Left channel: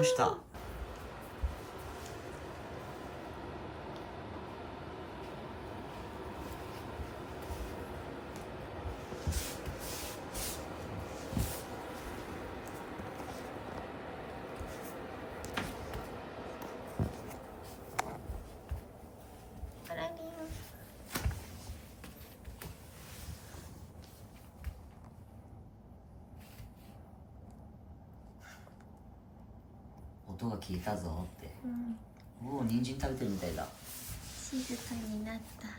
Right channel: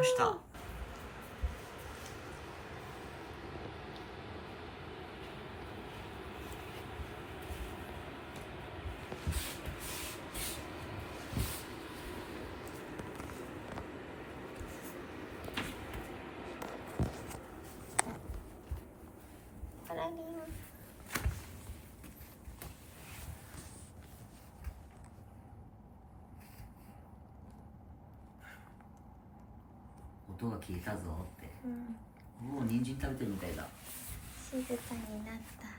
の下。あらりん。音が消えたぞって。うん。もう人参食べてるみたいだ。静かになった。う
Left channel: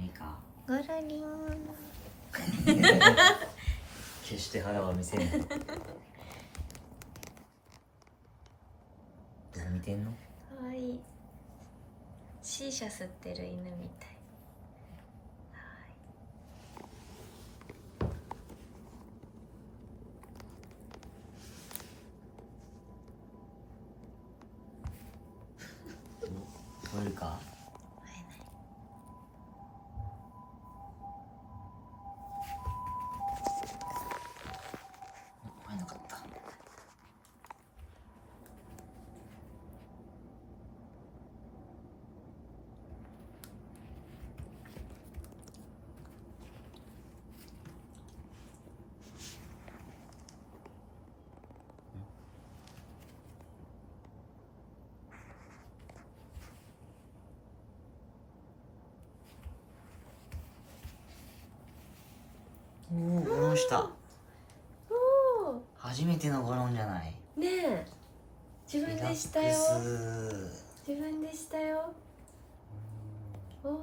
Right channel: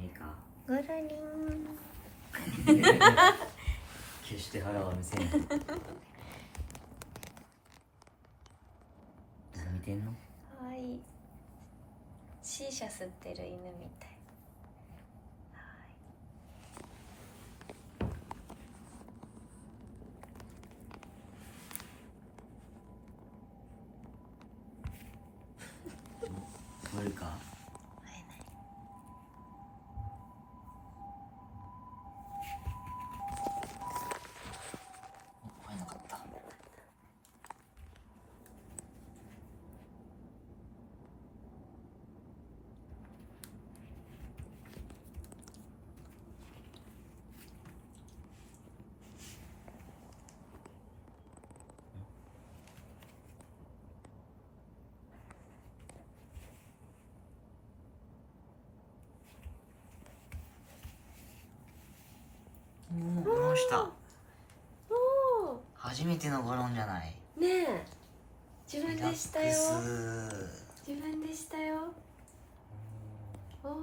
めえか。ぐるりん。決して腹は見せない。何見てんの？かわいい。シーシャ吸ってる犬みたい。取れるか？会えない。会えなかった。おお、ゴロンした。おお。初めてのゴロンじゃない。ねえ。自分リラックでしたよ。ス。自分でしたよ。おお。